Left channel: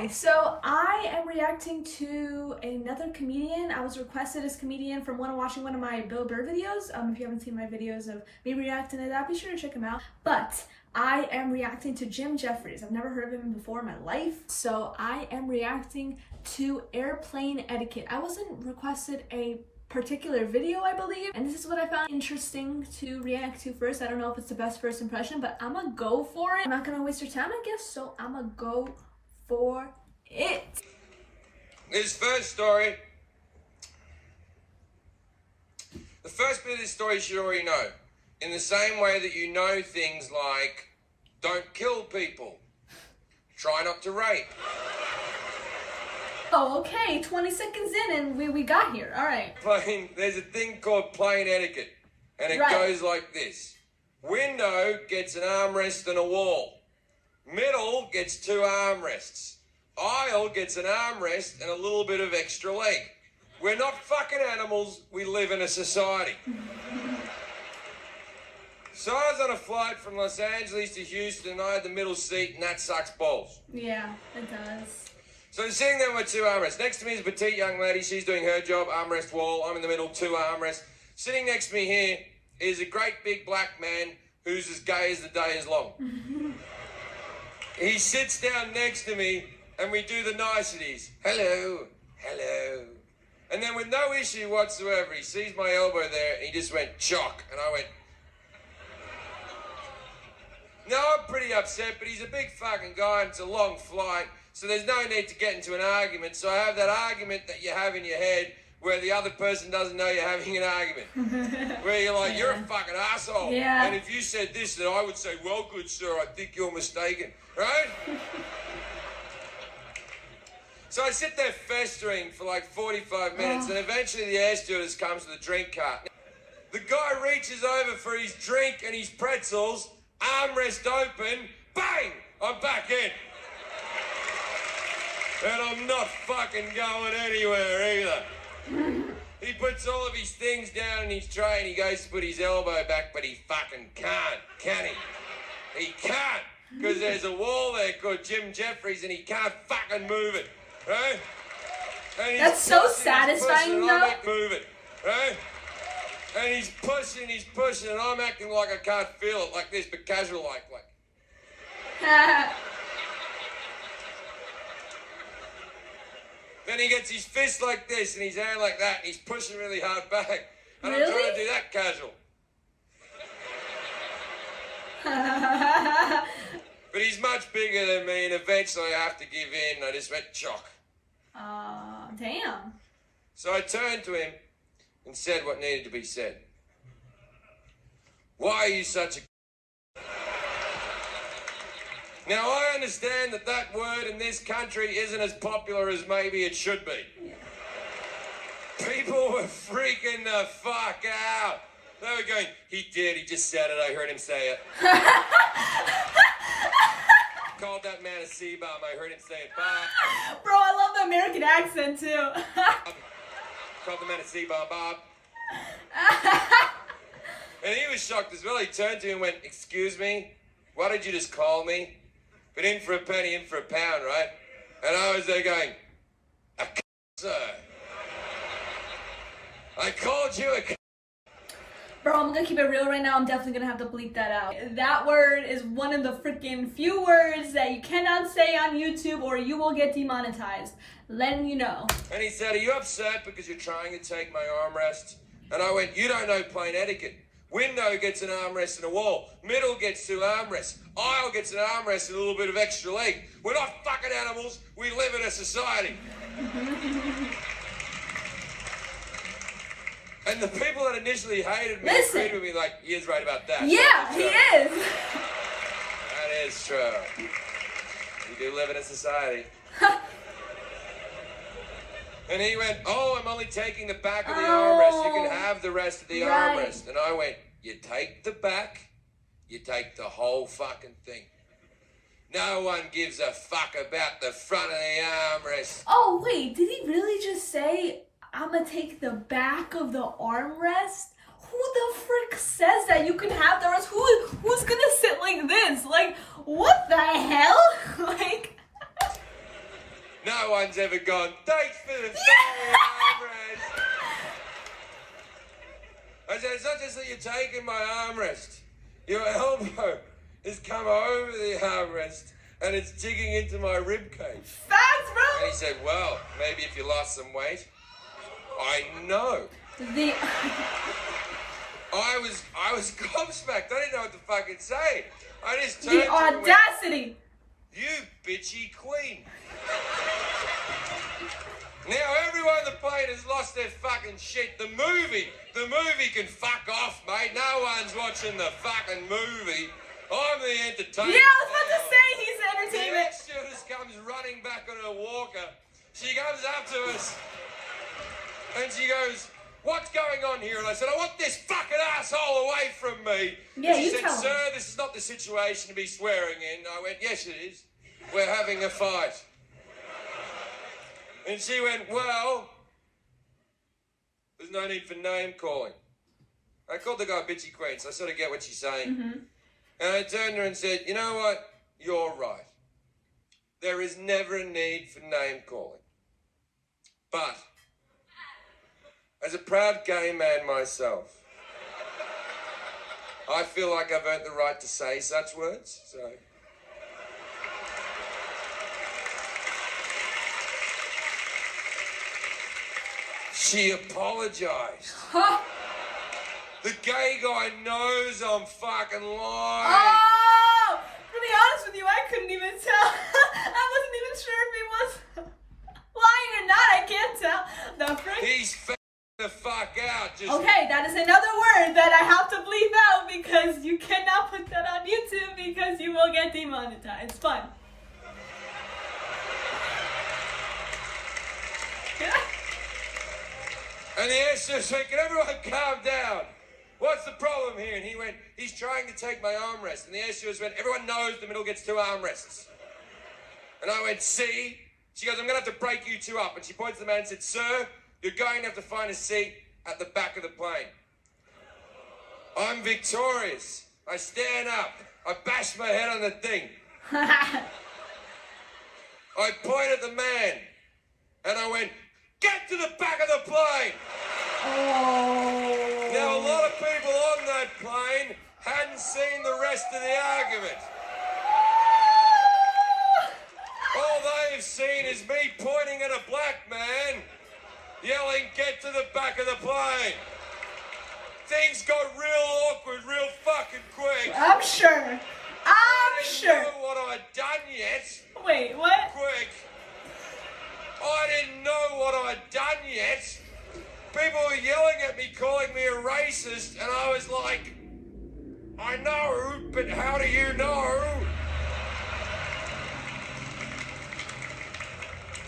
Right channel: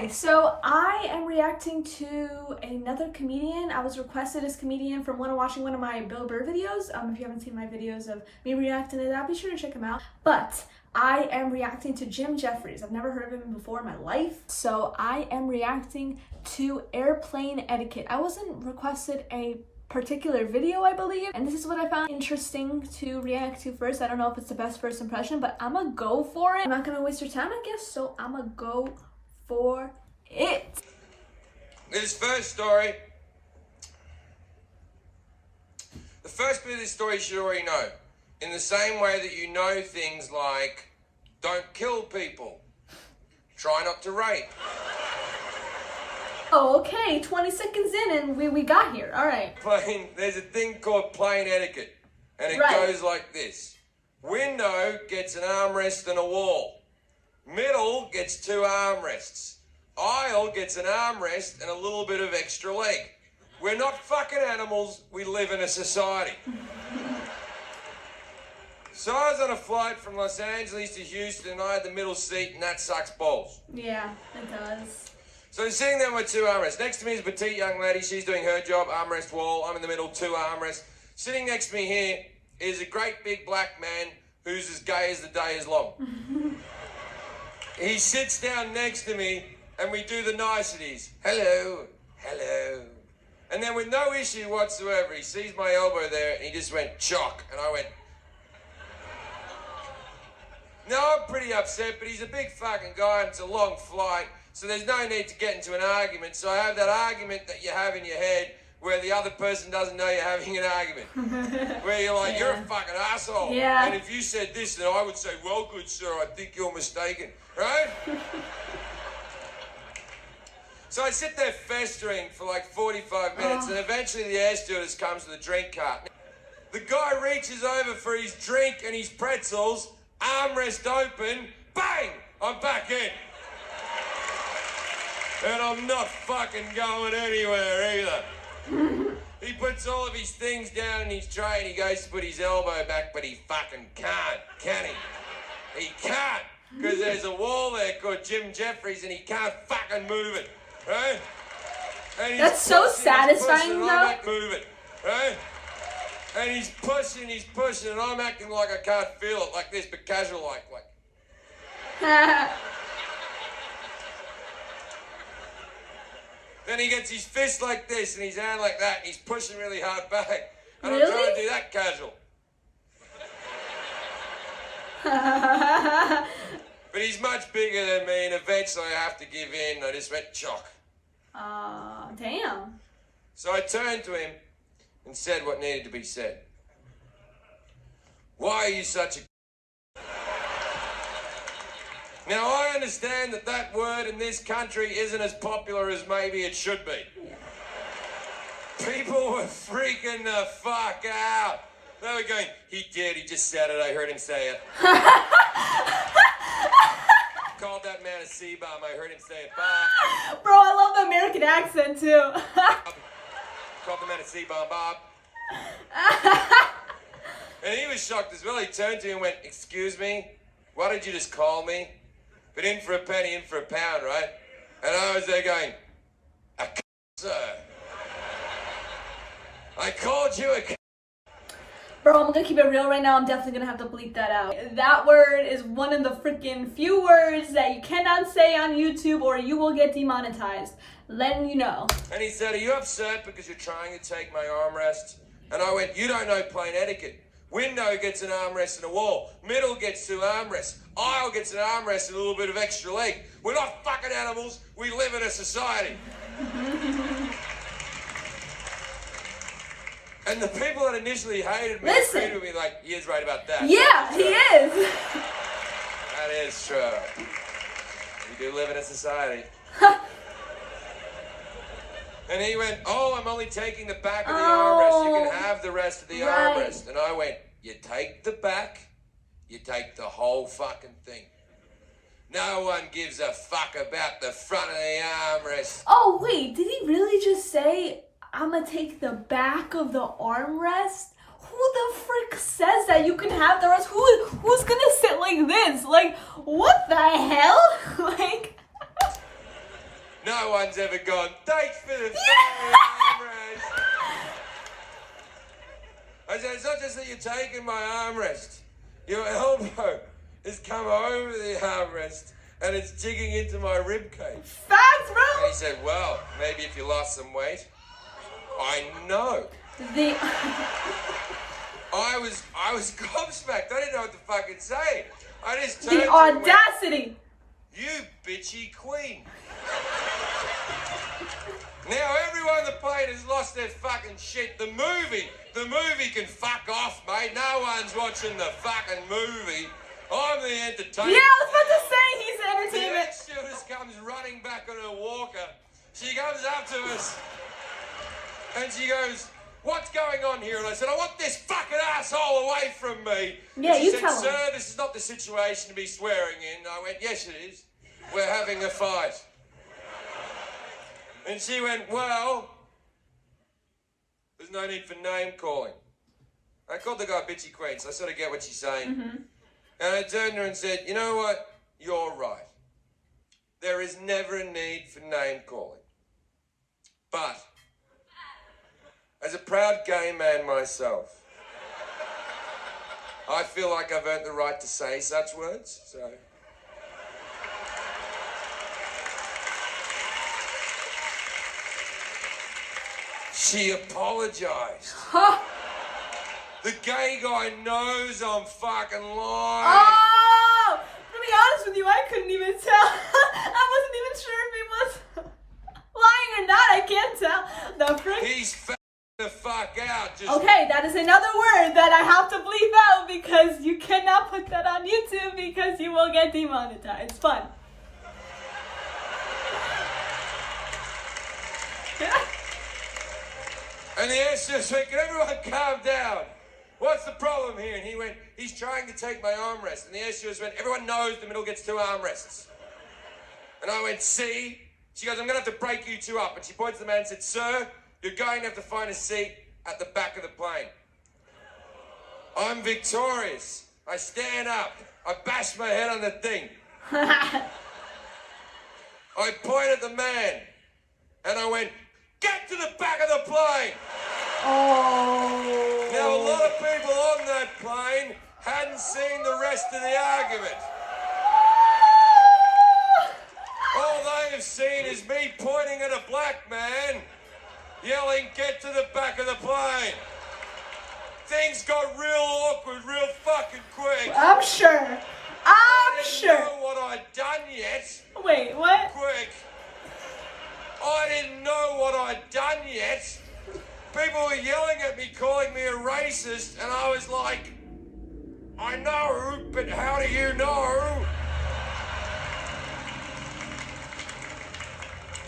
Hi, so I am reacting to another comedian. I was requested as comedian from watching one of my Bill Burr videos. If you haven't seen my videos of me reacting to that, be sure to check them out. But I am reacting to Jefferies. I've never heard of him before in my life. So I am reacting to airplane etiquette. I wasn't requested a particular video, I believe, and this is what I found interesting to react to first. I don't know if it's the best first impression, but I'm gonna go for it. I'm not gonna waste your time, I guess, so I'm gonna go for it. This first story, the first bit of this story you should already know. In the same way that you know things like, don't kill people, try not to rape. Oh, okay, 20 seconds in and we got here, all right. There's a thing called plane etiquette, and it goes like this. Window gets an armrest and a wall. Middle gets 2 armrests. Aisle gets an armrest and a little bit of extra leg. We're not fucking animals, we live in a society. So I was on a flight from Los Angeles to Houston, and I had the middle seat, and that sucks balls. Yeah, it does. So I'm sitting there with 2 armrests. Next to me is a petite young lady. She's doing her job, armrest wall. I'm in the middle, 2 armrests. Sitting next to me here is a great big black man who's as gay as the day is long. He sits down next to me, and we do the niceties. Hello, hello. And then with no issue whatsoever, he sees my elbow there, and he just went, chock. And I went... No, I'm pretty upset, but he's a big fucking guy, and it's a long flight. So there's no need to get into an argument. So I have that argument that you have in your head where the other person doesn't know you're having an argument. Where you're like, you're a fucking asshole. Yeah. And if you said this, then I would say, well, good sir, I think you're mistaken. Right? So I sit there festering for like 45 minutes, and eventually the air stewardess comes with a drink cart. The guy reaches over for his drink and his pretzels, armrest open, bang! I'm back in. And I'm not fucking going anywhere either. He puts all of his things down in his tray and he goes to put his elbow back, but he fucking can't, can he? He can't, because there's a wall there called Jefferies and he can't fucking move it, right? And that's so satisfying, though. I'm acting, move it, right? And he's pushing, and I'm acting like I can't feel it, like this, but casual like. Then he gets his fist like this and his hand like that, and he's pushing really hard back. And really? I'm trying to do that casual. But he's much bigger than me, and eventually I have to give in. I just went chock. Damn. So I turned to him and said what needed to be said. Why are you such a... Now, I understand that that word in this country isn't as popular as maybe it should be. People were freaking the fuck out. They were going, he just said it, I heard him say it. Called that man a C-bomb, I heard him say it. Bob. Bro, I love the American accent, too. Called the man a C-bomb, Bob. And he was shocked as well. He turned to me and went, excuse me, what did you just call me? But in for a penny, in for a pound, right? And I was there going, a sir. I called you a Bro, I'm gonna keep it real right now. I'm definitely gonna have to bleep that out. That word is one of the freaking few words that you cannot say on YouTube or you will get demonetized. Letting you know. And he said, are you upset because you're trying to take my armrest? And I went, you don't know plane etiquette. Window gets an armrest and a wall. Middle gets 2 armrests. Aisle gets an armrest and a little bit of extra leg. We're not fucking animals. We live in a society. And the people that initially hated me agreed with me like, he is right about that. Yeah, he is. That is true. We do live in a society. And he went, oh, I'm only taking the back of the armrest. You can have the rest of the armrest. And I went, you take the back, you take the whole fucking thing. No one gives a fuck about the front of the armrest. Oh, wait, did he really just say, I'm gonna take the back of the armrest? Who the frick says that you can have the rest? Who's gonna sit like this? Like, what the hell? Like... No one's ever gone, thanks for the fucking armrest. I said, it's not just that you're taking my armrest. Your elbow has come over the armrest and it's digging into my rib cage. Facts, bro. And he said, well, maybe if you lost some weight. I know. I was gobsmacked. I didn't know what to fucking say. I just turned The to him and went, audacity. you bitchy queen. Now everyone on the plane has lost their fucking shit. The movie can fuck off, mate. No one's watching the fucking movie. I'm the entertainment. Yeah, I was about to say he's the The entertainment. air stewardess comes running back on her walker. She comes up to us and she goes, what's going on here? And I said, I want this fucking asshole away from me. Yeah, and she you said, tell him. sir, this is not the situation to be swearing in. I went, yes, it is. We're having a fight. And she went, well, there's no need for name calling. I called the guy bitchy queen, so I sort of get what she's saying. Mm-hmm. And I turned to her and said, you know what? You're right. There is never a need for name calling. But as a proud gay man myself, I feel like I've earned the right to say such words, so... She apologized. The gay guy knows I'm fucking lying. Oh! To be honest with you, I couldn't even tell. I wasn't even sure if he was lying or not. I can't tell. The freak. He's the fuck out. Just Okay, that is another word that I have to bleep out because you cannot put that on YouTube because you will get demonetized. It's fun. And the air stewardess went, can everyone calm down? What's the problem here? And he went, he's trying to take my armrest. And the air stewardess went, everyone knows the middle gets 2 armrests. And I went, see? She goes, I'm going to have to break you 2 up. And she points to the man and said, sir, you're going to have to find a seat at the back of the plane. I'm victorious. I stand up. I bash my head on the thing. I point at the man. And I went, get to the back of the plane. Oh. Now, a lot of people on that plane hadn't seen the rest of the argument. All they have seen is me pointing at a black man, yelling, get to the back of the plane. Things got real awkward real fucking quick. I'm sure. I didn't know what I'd done yet. Wait, what? Quick. I didn't know what I'd done yet. People were yelling at me, calling me a racist, and I was like, I know, but how do you know?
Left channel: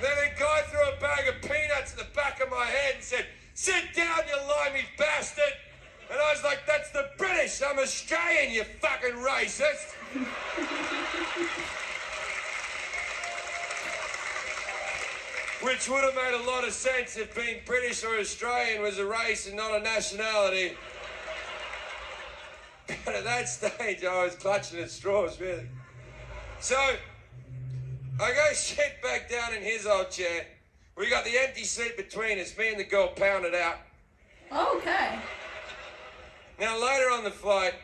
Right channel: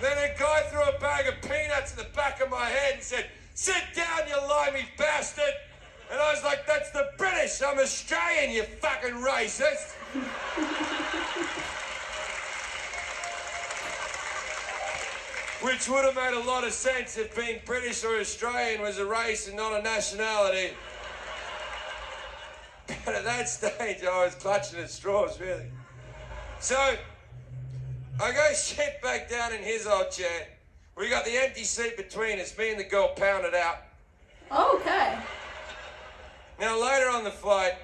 Then a guy threw a bag of peanuts in the back of my head and said, sit down, you limey bastard. And I was like, that's the British. I'm Australian, you fucking racist. Which would have made a lot of sense if being British or Australian was a race and not a nationality. But at that stage, I was clutching at straws, really. So, I go sit back down in his old chair. We got the empty seat between us. Me and the girl pounded out. Okay. Now, later on the flight,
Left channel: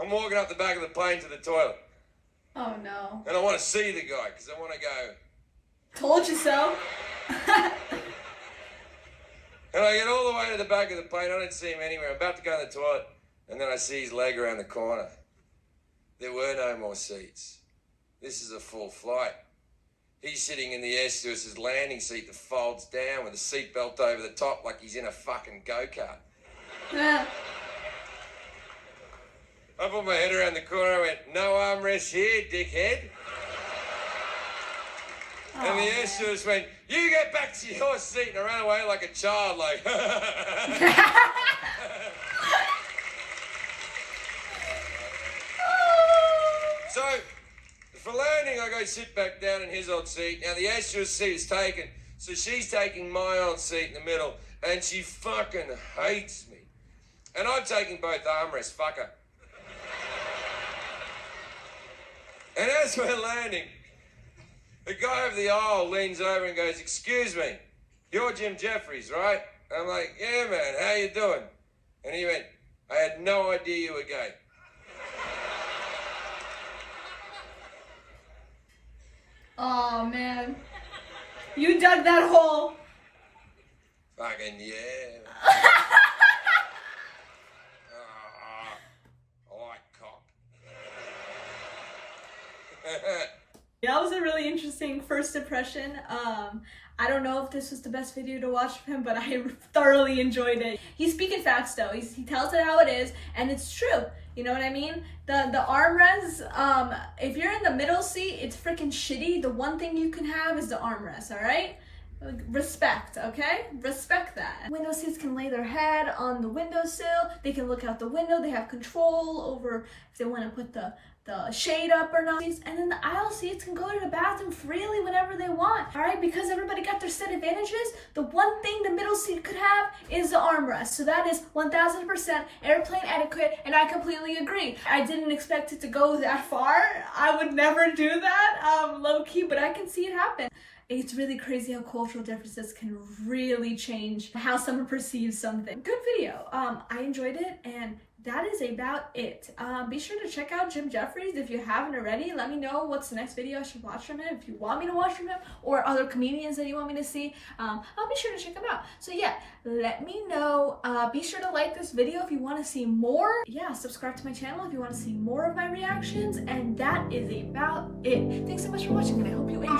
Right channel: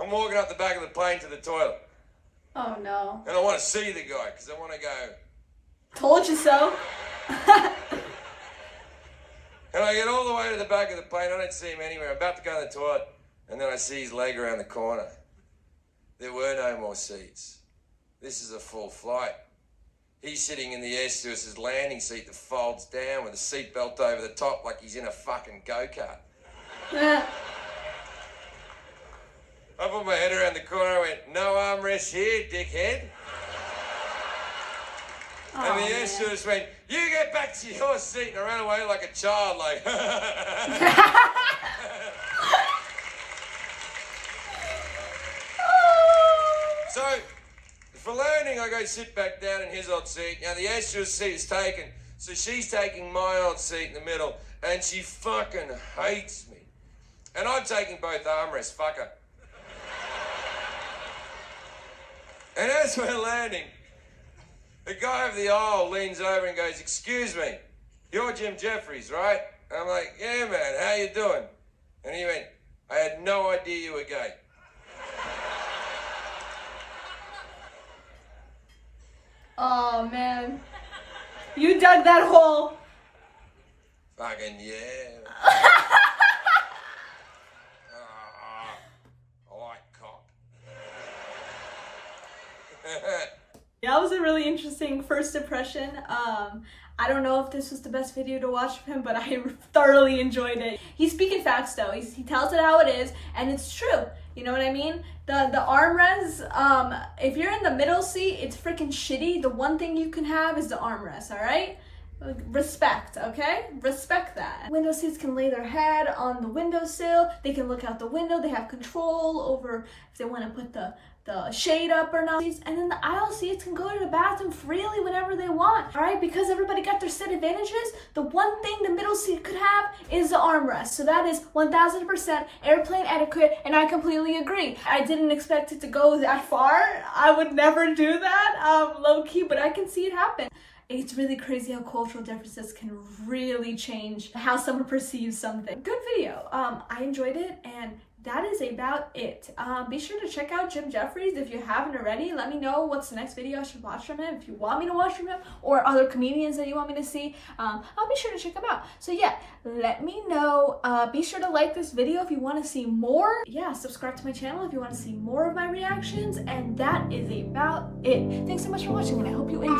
I'm walking up the back of the plane to the toilet. Oh, no. And I want to see the guy, because I want to go... Told you so. And I get all the way to the back of the plane. I don't see him anywhere. I'm about to go in the toilet. And then I see his leg around the corner. There were no more seats. This is a full flight. He's sitting in the air stewardess's landing seat that folds down with a seatbelt over the top like he's in a fucking go-kart. I put my head around the corner. I went, no armrest here, dickhead. And the air stewardess went, you get back to your seat. And I ran away like a child, like... So, for landing, I go sit back down in his old seat. Now, the air stewardess seat is taken, so she's taking my old seat in the middle, and she fucking hates me. And I'm taking both armrests, fuck her. And as we're landing, The guy over the aisle leans over and goes, "Excuse me, you're Jim Jefferies, right?" I'm like, "Yeah, man, how you doing?" And he went, "I had no idea you were gay." Oh, man. You dug that hole. Fucking yeah. I like cock. That was a really interesting first impression. I don't know if this was the best video to watch of him, but I thoroughly enjoyed it. He's speaking facts though. He tells it how it is, and it's true. You know what I mean? The armrest, if you're in the middle seat, it's freaking shitty. The one thing you can have is the armrest, all right? Respect, okay? Respect that. Window seats can lay their head on the windowsill. They can look out the window. They have control over if they want to put the shade up or not. And then the aisle seats can go to the bathroom freely whenever they want, all right? Because everybody got their set advantages, the one thing the middle seat could have is the armrest. So that is 1000% airplane etiquette, and I completely agree. I didn't expect it to go that far. I would never do that, low-key, but I can see it happen. It's really crazy how cultural differences can really change how someone perceives something. Good video. I enjoyed it, and that is about it. Be sure to check out Jim Jefferies if you haven't already. Let me know what's the next video I should watch from him. If you want me to watch from him or other comedians that you want me to see, I'll be sure to check them out. So yeah, let me know. Be sure to like this video if you want to see more. Yeah, subscribe to my channel if you want to see more of my reactions. And that is about it. Thanks so much for watching, and I hope you enjoyed.